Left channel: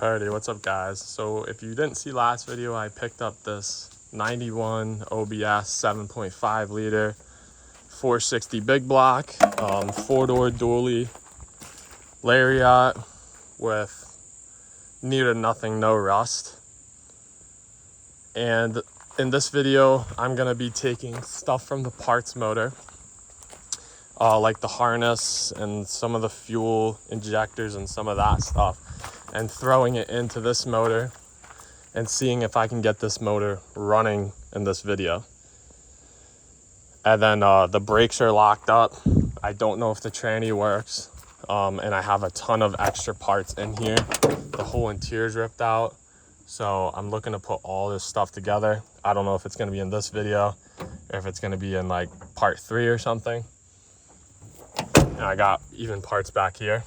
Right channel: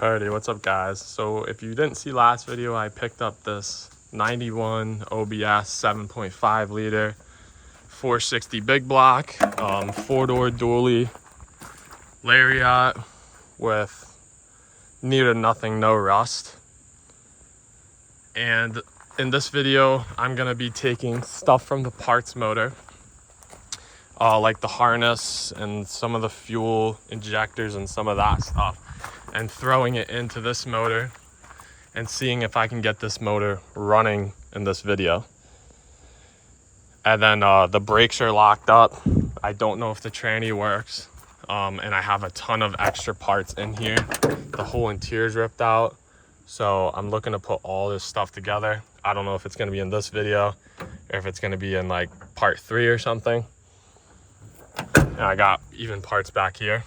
Alrighty, what's up guys? So if you didn't see last video, I picked up this 91 OBS 7.5 liter 460 big block, 4-door dually Lariat with near to nothing, no rust. And in this video, I'm gonna be taking stuff from the parts motor, like the harness and some of the fuel injectors and some of that stuff, and throwing it into this motor and seeing if I can get this motor running in this video. And then the brakes are locked up. I don't know if the tranny works. And I have a ton of extra parts in here. The whole interior is ripped out. So I'm looking to put all this stuff together. I don't know if it's gonna be in this video or if it's gonna be in like part 3 or something. And I got even parts back here.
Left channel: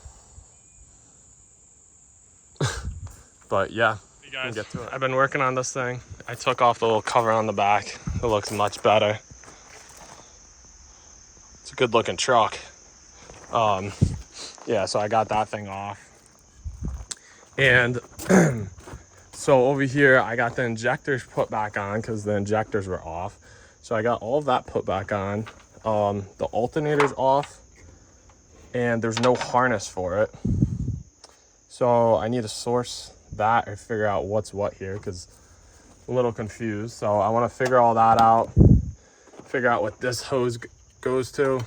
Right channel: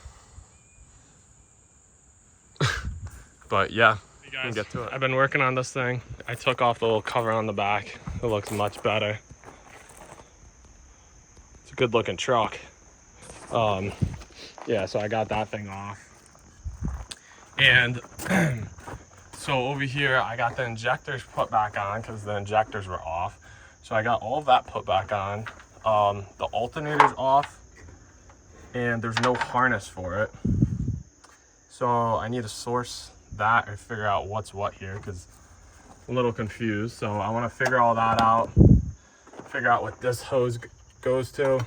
But yeah, hey guys, get to it. I've been working on this thing. I took off the little cover on the back. It looks much better. It's a good looking truck. Yeah, so I got that thing off. And so over here, I got the injectors put back on because the injectors were off. So I got all of that put back on. The alternator's off and there's no harness for it. So I need to source that or figure out what's what here because I'm a little confused. So I want to figure all that out, figure out what this hose goes to,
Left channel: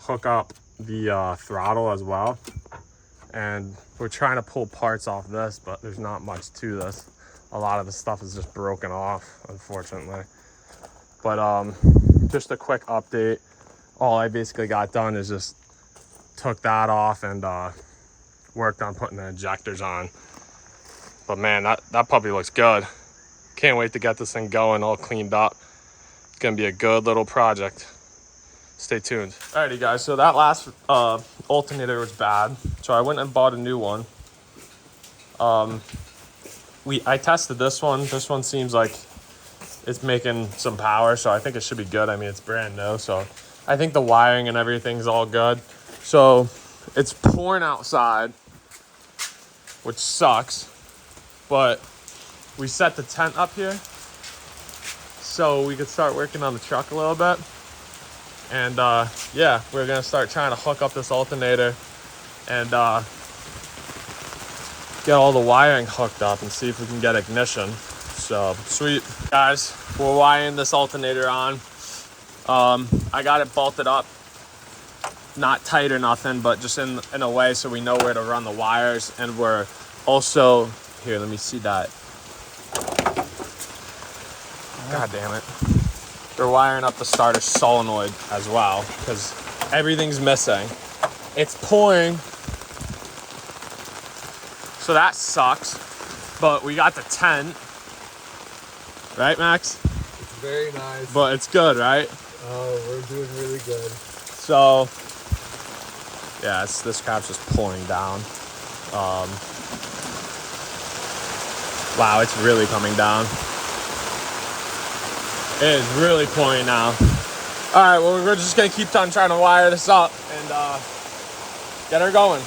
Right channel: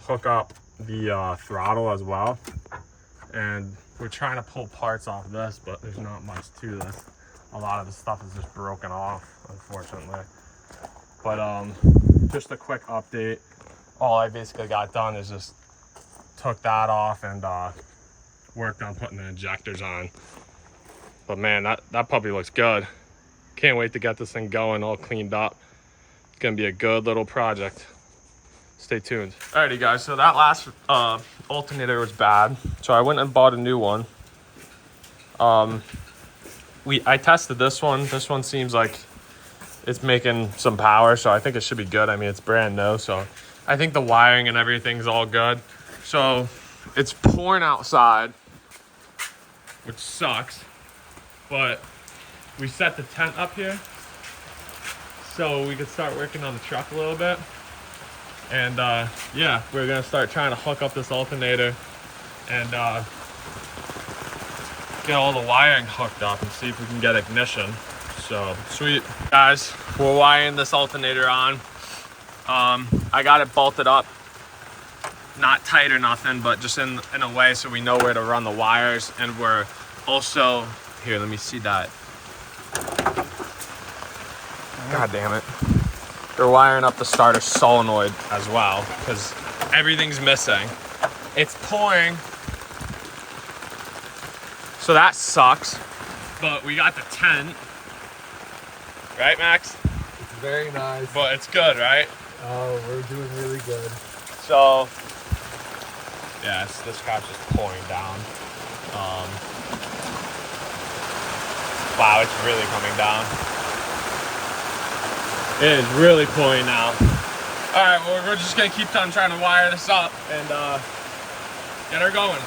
hook up the throttle as well. And we're trying to pull parts off this, but there's not much to this. A lot of the stuff is just broken off, unfortunately. But just a quick update. All I basically got done is just took that off and worked on putting the injectors on. But man, that puppy looks good. Can't wait to get this thing going, all cleaned up. It's gonna be a good little project. Stay tuned. Alrighty guys, so that last alternator was bad. So I went and bought a new one. I tested this one. This one seems like it's making some power, so I think it should be good. I mean, it's brand new, so I think the wiring and everything's all good. So it's pouring outside, which sucks, but we set the tent up here so we could start working on the truck a little bit. And yeah, we're gonna start trying to hook up this alternator and get all the wiring hooked up and see if we can get ignition. So sweet. Guys, we're wiring this alternator on. I got it bolted up, not tight or nothing, but just in a way so we know where to run the wires. And we're also, here, let me see that. God damn it. They're wiring up the starter solenoid as well because everything's missing. It's pouring, so that sucks. But we got the tent, right, Max? It's very nice. But it's good, right? Oh, we're doing really good. So, yeah, this crap's just pouring down. Wow, it's really coming down. It is really pouring now. All right, well, we're just gonna keep on trying to wire this up and get her going.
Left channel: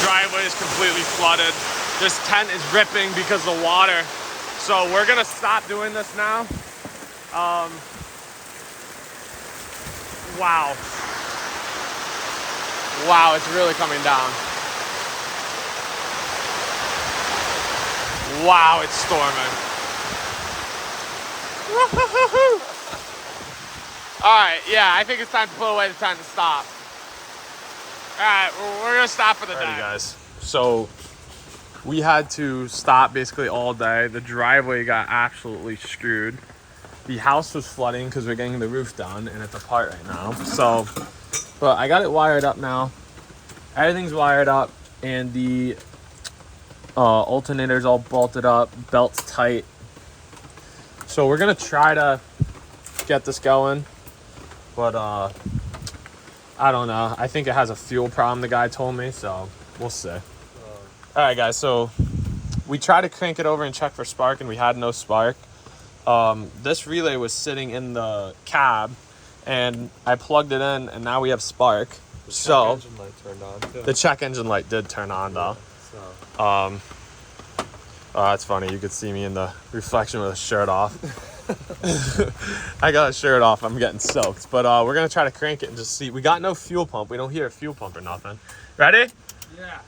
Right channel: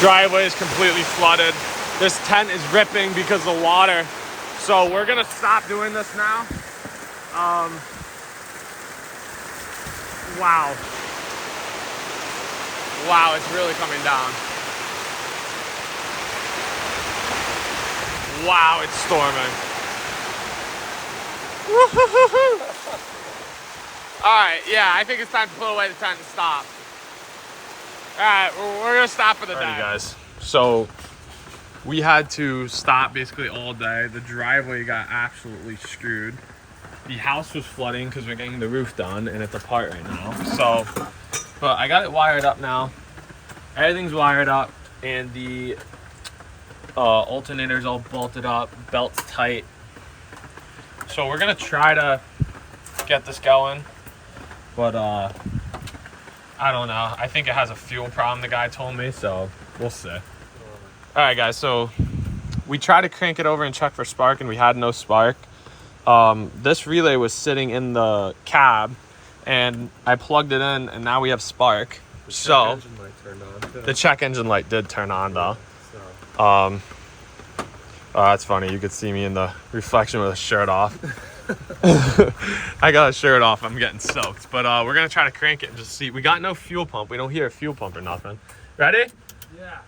Driveway is completely flooded. This tent is ripping because of the water. So we're gonna stop doing this now. Wow. Wow, it's really coming down. Wow, it's storming. All right, yeah, I think it's time to put away the tent and stop. All right, we're gonna stop for the day. Alrighty guys, so we had to stop basically all day. The driveway got absolutely screwed. The house was flooding because we're getting the roof done and it's apart right now. So, but I got it wired up now. Everything's wired up and the alternator's all bolted up, belt's tight. So we're gonna try to get this going. but I don't know. I think it has a fuel problem, the guy told me, so we'll see. All right, guys, so we tried to crank it over and check for spark, and we had no spark. This relay was sitting in the cab, and I plugged it in, and now we have spark. So Engine light turned on too. the check engine light did turn on, though. So. That's funny. You could see me in the reflection with a shirt off. I got a shirt off. I'm getting soaked. But we're going to try to crank it and just see. We got no fuel pump. We don't hear a fuel pump or nothing. Ready? Yeah.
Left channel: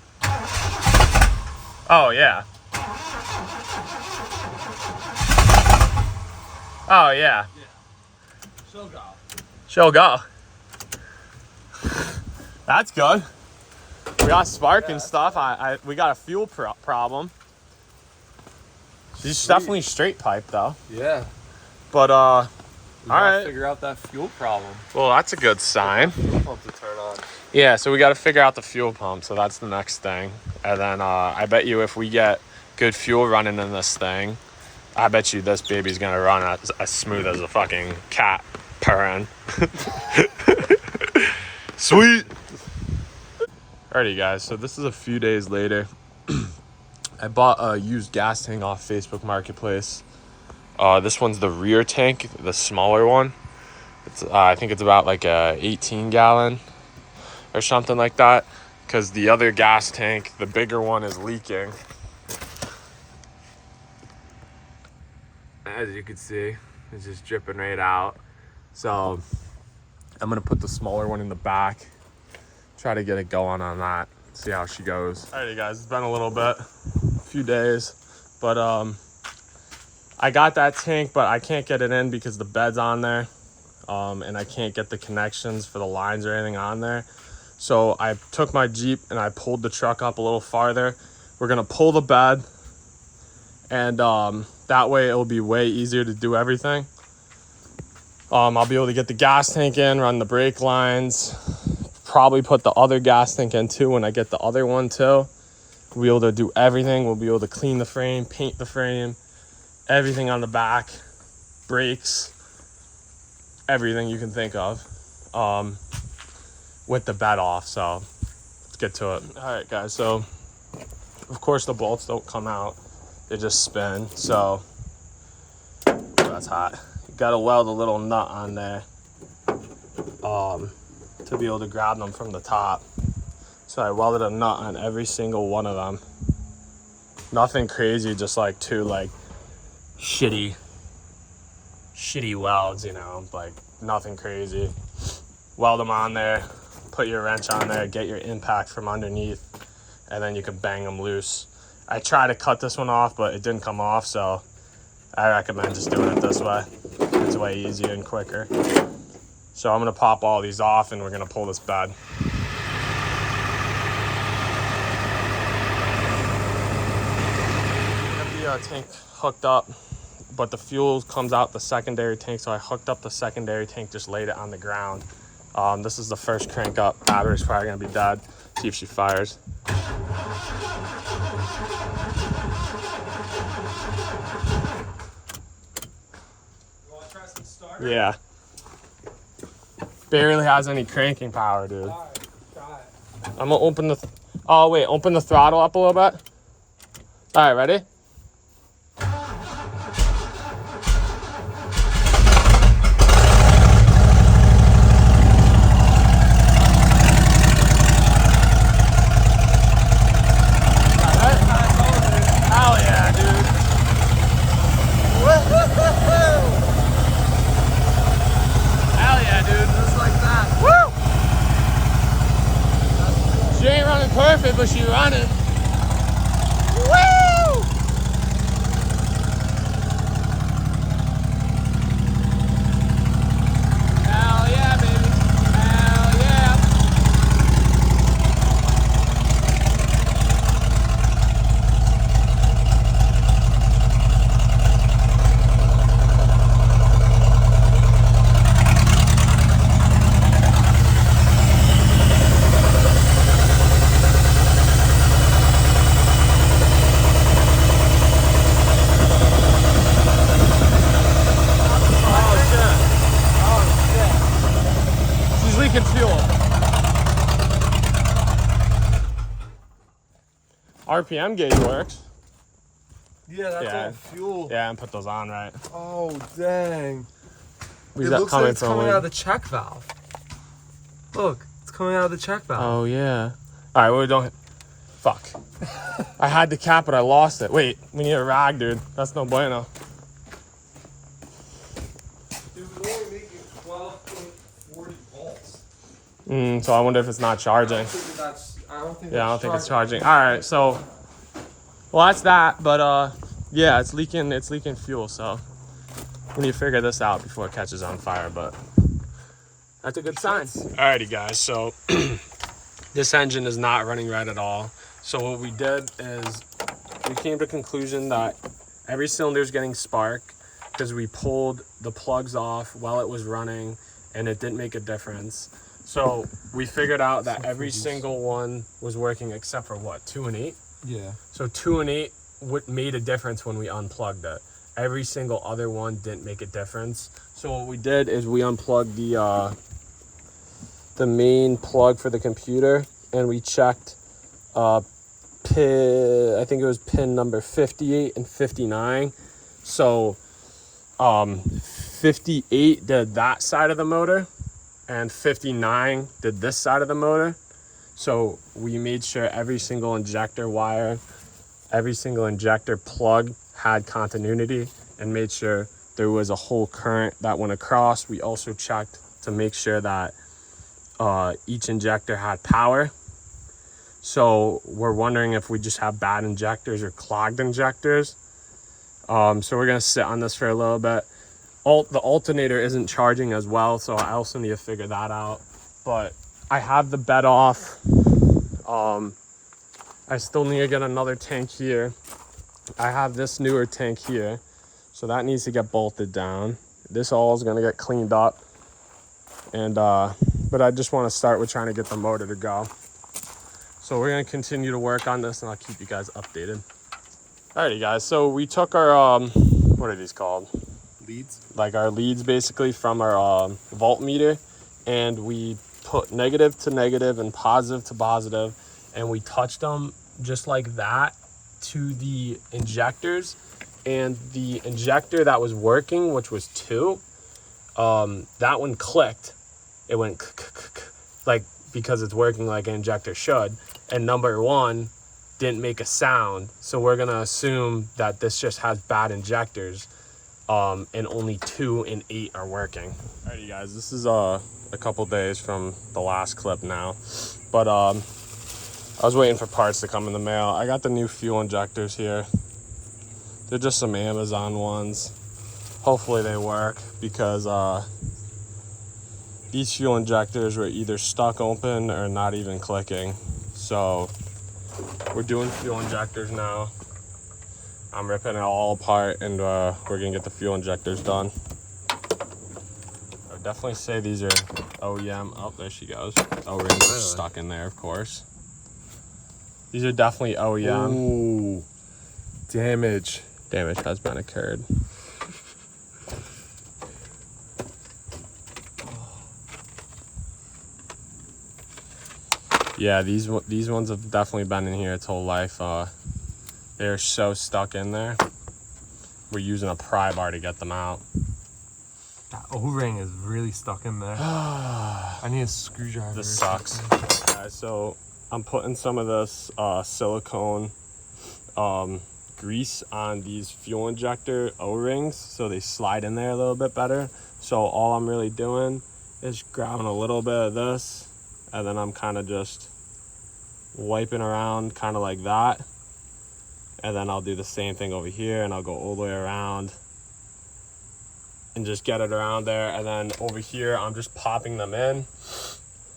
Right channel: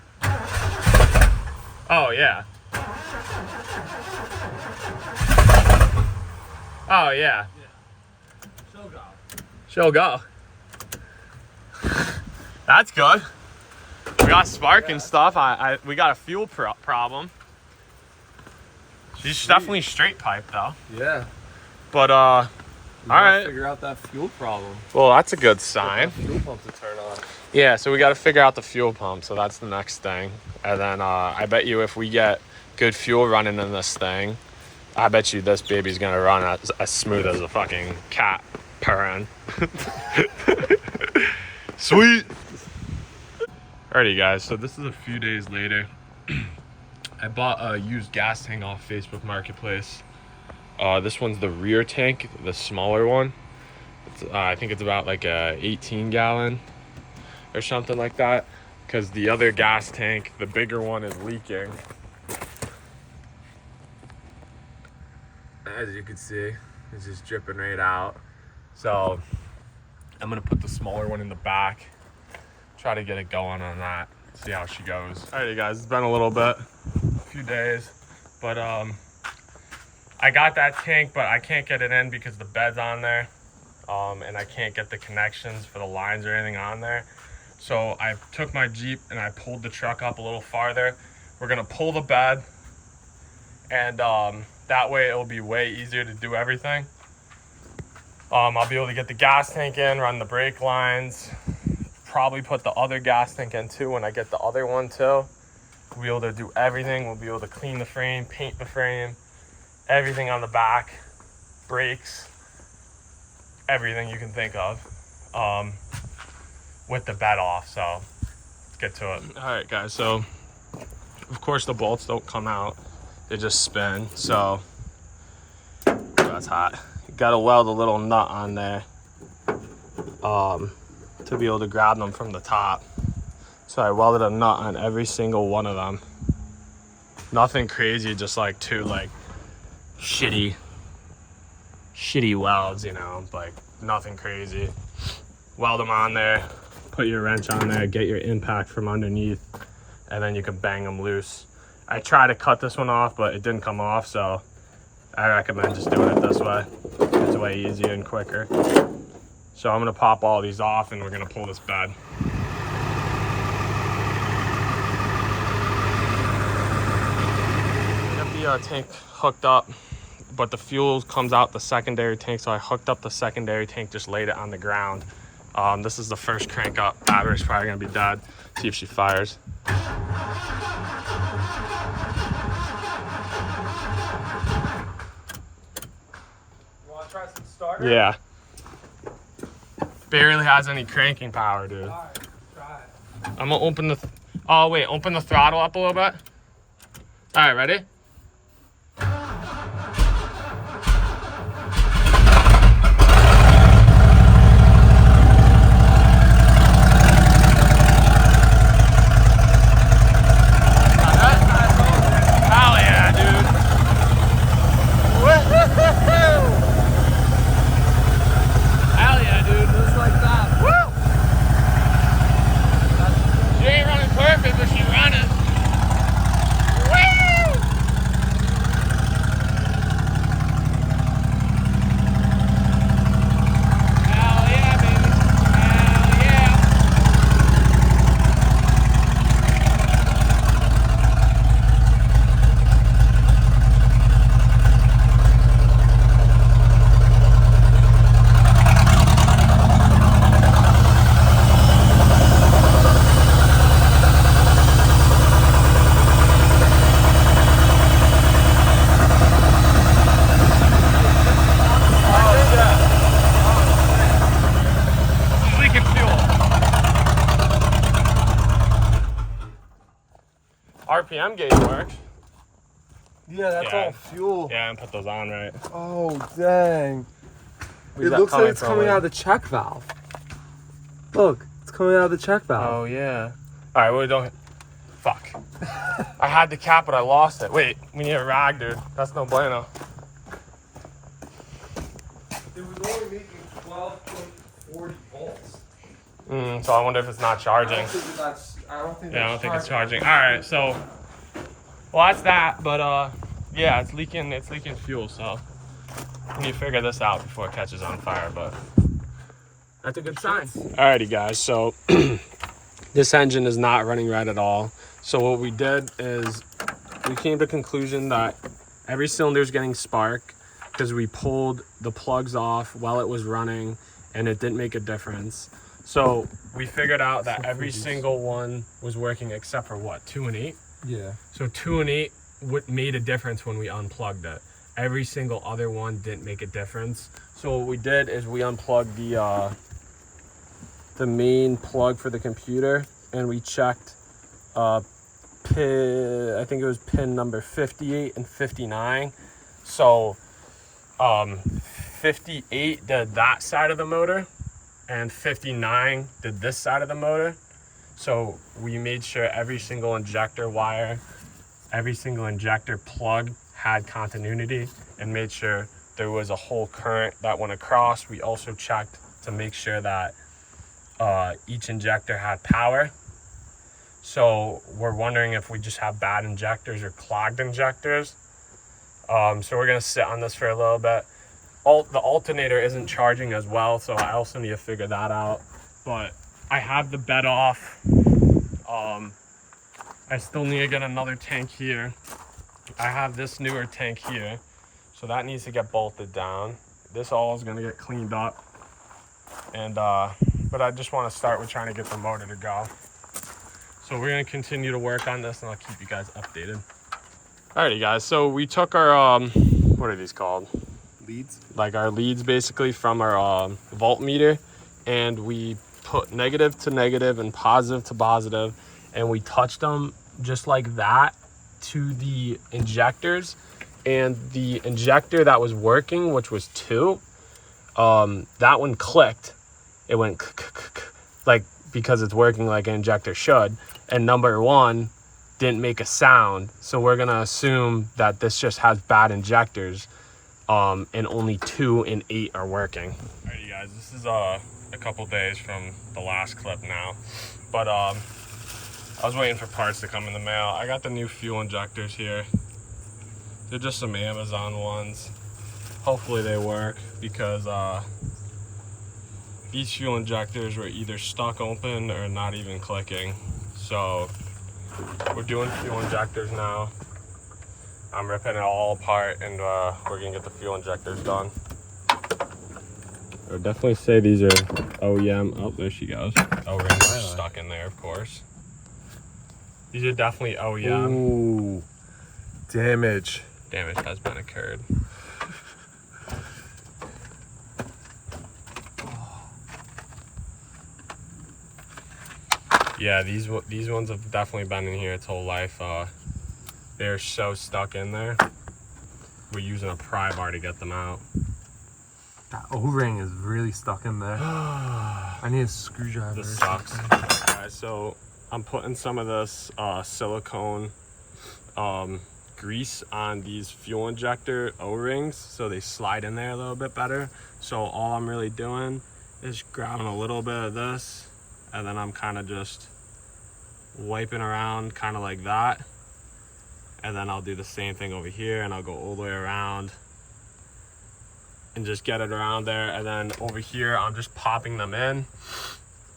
Oh, yeah. Oh, yeah. She'll go. She'll go. That's good. We got spark and stuff. We got a fuel problem. She's definitely straight pipe, though. Yeah. But, All right. Figure out that fuel problem. Well, that's a good sign. Fuel pump to turn on. Yeah, so we got to figure out the fuel pump. So that's the next thing. And then I bet you if we get good fuel running in this thing, I bet you this baby's going to run as smooth as a fucking cat purring. Sweet. Alrighty, guys. So this is a few days later. I bought a used gas tank off Facebook Marketplace. This one's the rear tank, the smaller one. It's I think it's about like a 18 gallon or something like that, because the other gas tank, the bigger one, is leaking. As you can see, it's just dripping right out. So I'm gonna put the smaller one in the back, try to get it going on that, see how she goes. Alrighty, guys, it's been a little bit, a few days, but I got that tank, but I can't get it in because the bed's on there, and I can't get the connections for the lines or anything on there. So I took my Jeep and I pulled the truck up a little farther. We're gonna pull the bed, and that way it will be way easier to do everything. I'll be able to get the gas tank in, run the brake lines, probably put the other gas tank in too when I get the other one too. We'll be able to do everything. We'll be able to clean the frame, paint the frame, everything on the back, brakes, everything you can think of, with the bed off. So let's get to it. All right, guys, so of course the bolts don't come out, they just spin. So that's hot. You gotta weld a little nut on there to be able to grab them from the top. So I welded a nut on every single one of them. Nothing crazy, just like two like shitty welds, you know, like nothing crazy. Weld them on there, put your wrench on there, get your impact from underneath, and then you can bang them loose. I tried to cut this one off, but it didn't come off, so I recommend just doing it this way. It's way easier and quicker. So I'm gonna pop all these off and we're gonna pull this bed. The tank hooked up, but the fuel comes out the secondary tank, so I hooked up the secondary tank, just laid it on the ground. This is the first crank up. Battery's probably gonna be dead. See if she fires. You wanna try some starter? Yeah. Barely has any cranking power, dude. Alright, try it. I'm gonna open the, oh wait, open the throttle up a little bit. All right, ready? RPM gauge works. Yeah, that's Yeah. all fuel. Yeah, and put those on right. Oh, dang. Where's It that looks like it's coming coming from? out of the check valve. Look, it's coming out of the check valve. Oh yeah. All right, well, we don't. Fuck. I had the cap, but I lost it. Wait, we need a rag, dude. That's no bueno. It was only making 12.40 volts. So I wonder if it's not charging. I don't think that's Yeah, I don't think it's charging. All right, so well that's that, but yeah, it's leaking fuel, so we need to figure this out before it catches on fire, but that's a good sign. Alrighty guys, so this engine is not running right at all. So what we did is we came to the conclusion that every cylinder is getting spark because we pulled the plugs off while it was running and it didn't make a difference. So we figured out that every single one was working except for what, 2 and 8? Yeah. So 2 and 8 made a difference when we unplugged it. Every single other one didn't make a difference. So what we did is we unplugged the main plug for the computer, and we checked pin, I think it was pin number 58 and 59. So 58 did that side of the motor, and 59 did this side of the motor. So we made sure every single injector wire, every single injector plug had continuity, and made sure there was a whole current that went across. We also checked to make sure that each injector had power. So we're wondering if we just have bad injectors or clogged injectors. So we're gonna sit on this for a little bit. The alternator isn't charging as well, so I also need to figure that out. But I have the bed off. I still need to get another tank here. I have this newer tank here, so that needs to get bolted down. This all is gonna get cleaned up, and but I just want to start with trying to get the motor to go. So we're gonna continue to work on this, and I'll keep you guys updated. Alrighty guys, so we took our what are these called? Leads? Like our leads basically from our voltmeter, and we put negative to negative and positive to positive, and we touched them just like that to the injectors, and the injector that was working, which was 2, that one clicked. It went like, because it's working like an injector should, and number 1 didn't make a sound. So we're gonna assume that this just has bad injectors, and only 2 and 8 are working. Alrighty guys, this is a couple days from the last clip now, but I was waiting for parts to come in the mail. I got the new fuel injectors here. They're just some Amazon ones. Hopefully they work, because these fuel injectors were either stuck open or not even clicking. So we're doing fuel injectors now. I'm ripping it all apart, and we're gonna get the fuel injectors done. I would definitely say these are OEM. Oh, there she goes. O-rings are stuck in there, of course. These are definitely OEM. Ooh. Damage. Damage has been occurred. Yeah, these ones have definitely been in here its whole life. They're so stuck in there. We're using a pry bar to get them out. That O-ring is really stuck in there. I need a screwdriver. This sucks. Alright, so I'm putting some of this silicone grease on these fuel injector O-rings so they slide in there a little bit better. So all I'm really doing is grabbing a little bit of this, and then I'm kind of just wiping around kind of like that. And then I'll do the same thing over here, and I'll go all the way around and just get it around there. And then over here, I'm just popping them in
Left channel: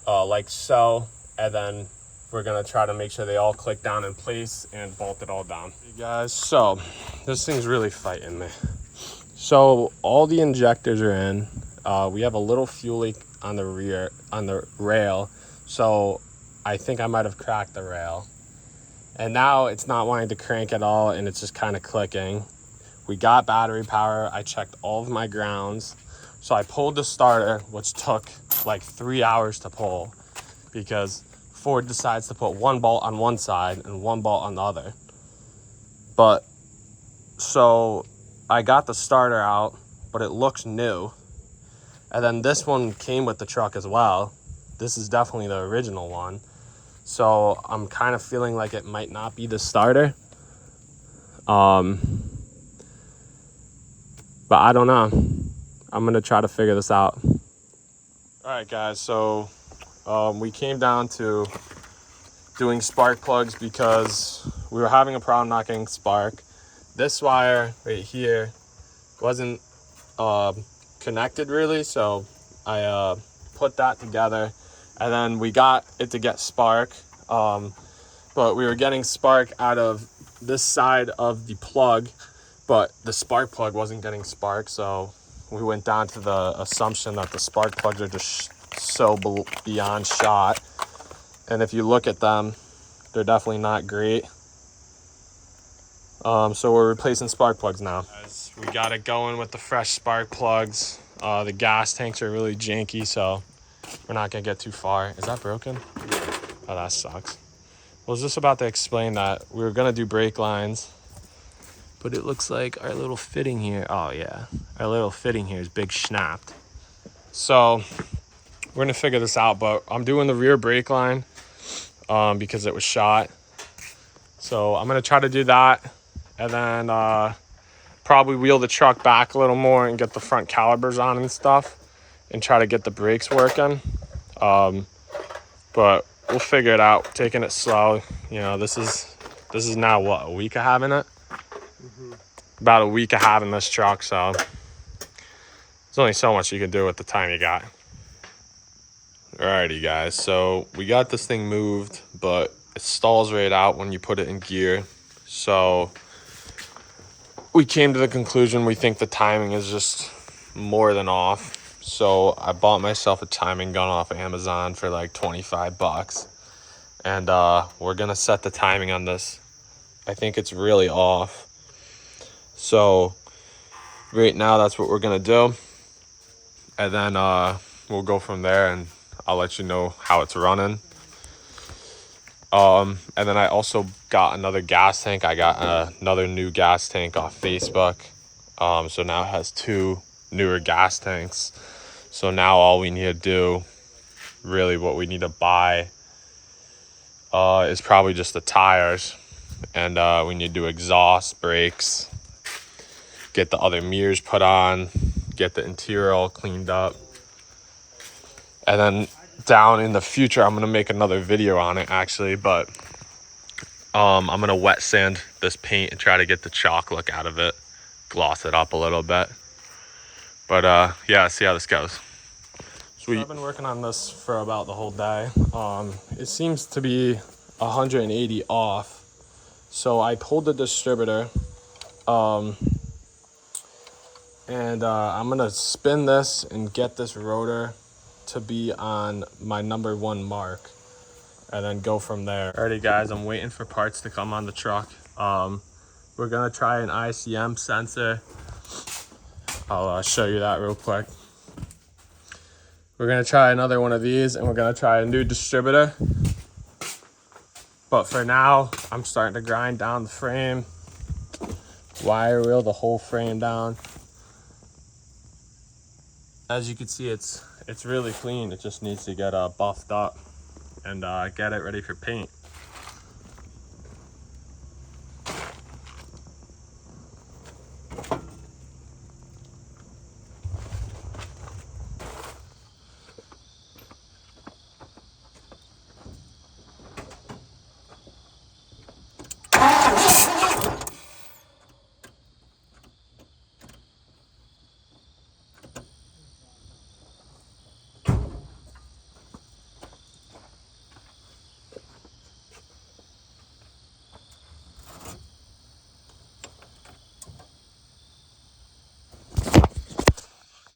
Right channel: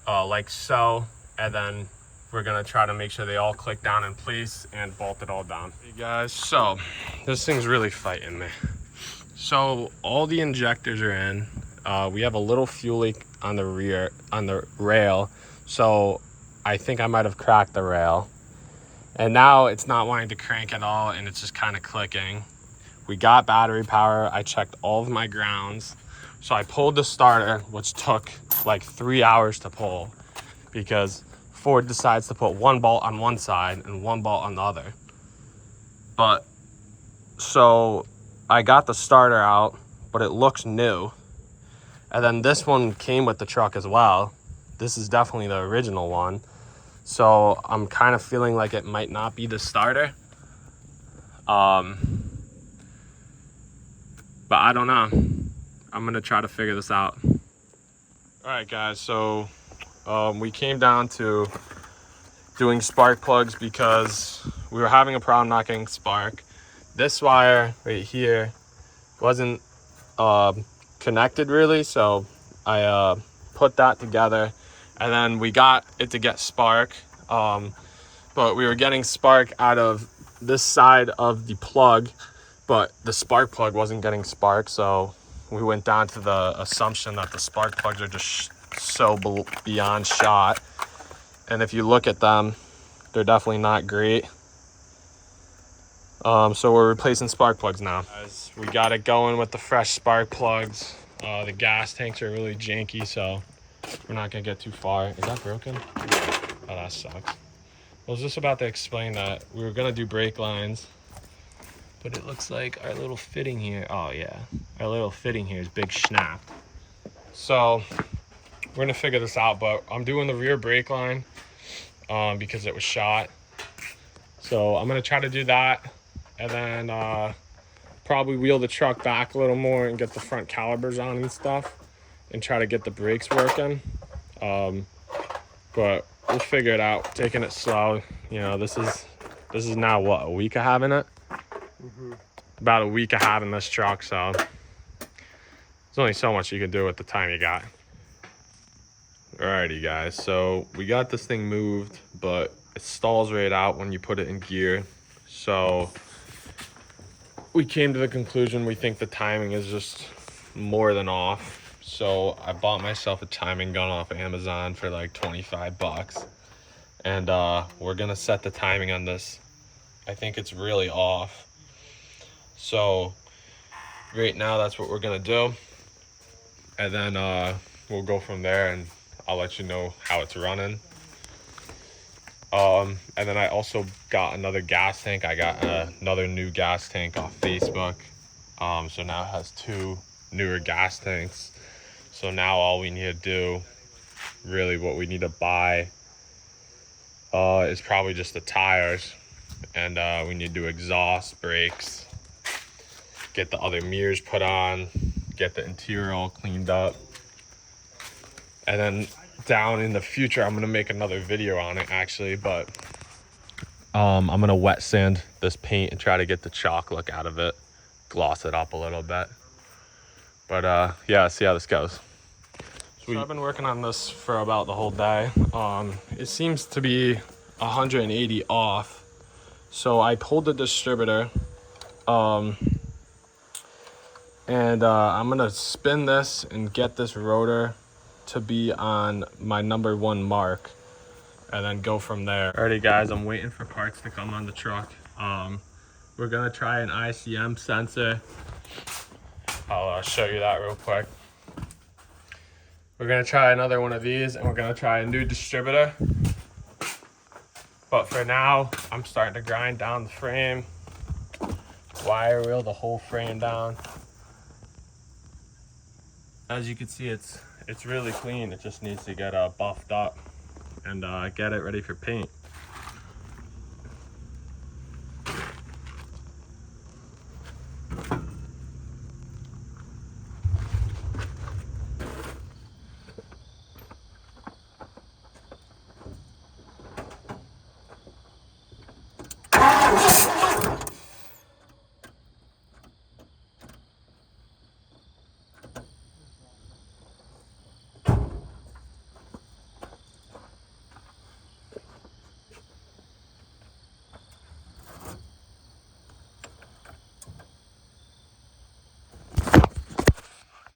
like so. And then we're gonna try to make sure they all click down in place and bolt it all down. Hey guys, so this thing's really fighting me. So all the injectors are in. We have a little fuel leak on the rear, on the rail. So I think I might have cracked the rail. And now it's not wanting to crank at all, and it's just kind of clicking. We got battery power. I checked all of my grounds. So I pulled the starter, which took like 3 hours to pull, because Ford decides to put one bolt on one side and one bolt on the other. But so I got the starter out, but it looks new. And then this one came with the truck as well. This is definitely the original one. So I'm kind of feeling like it might not be the starter. But I don't know. I'm gonna try to figure this out. All right, guys, so we came down to doing spark plugs because we were having a problem not getting spark. This wire right here wasn't connected really, so I put that together, and then we got it to get spark, but we were getting spark out of this side of the plug, but the spark plug wasn't getting spark, so we went down to the assumption that the spark plugs are just so beyond shot. And if you look at them, they're definitely not great. So we're replacing spark plugs now. Guys, we got it going with the fresh spark plugs. The gas tanks are really janky, so we're not gonna get too far. Is that broken? Oh, that sucks. I was just about to explain that we were gonna do brake lines, but it looks like our little fitting here, oh yeah, our little fitting here is big snapped. So we're gonna figure this out, but I'm doing the rear brake line because it was shot. So I'm gonna try to do that, and then probably wheel the truck back a little more and get the front calipers on and stuff, and try to get the brakes working. But we'll figure it out, taking it slow. You know, this is now what, a week of having it? About a week of having this truck, so there's only so much you can do with the time you got. Alrighty guys, so we got this thing moved, but it stalls right out when you put it in gear. So we came to the conclusion we think the timing is just more than off. So I bought myself a timing gun off Amazon for like 25 bucks. And we're gonna set the timing on this. I think it's really off. So right now that's what we're gonna do. And then we'll go from there, and I'll let you know how it's running. And then I also got another gas tank. I got another new gas tank off Facebook. So now it has 2 newer gas tanks. So now all we need to do, really what we need to buy, is probably just the tires. And we need to do exhaust, brakes, get the other mirrors put on, get the interior all cleaned up. And then down in the future, I'm gonna make another video on it actually, but I'm gonna wet sand this paint and try to get the chalk look out of it, gloss it up a little bit. But yeah, see how this goes. Sweet. So I've been working on this for about the whole day. It seems to be 180 off. So I pulled the distributor, and I'm gonna spin this and get this rotor to be on my #1 mark, and then go from there. Alrighty guys, I'm waiting for parts to come on the truck. We're gonna try an ICM sensor. I'll show you that real quick. We're gonna try another one of these, and we're gonna try a new distributor. But for now, I'm starting to grind down the frame, wire wheel the whole frame down. As you can see, it's really clean. It just needs to get buffed up and get it ready for paint.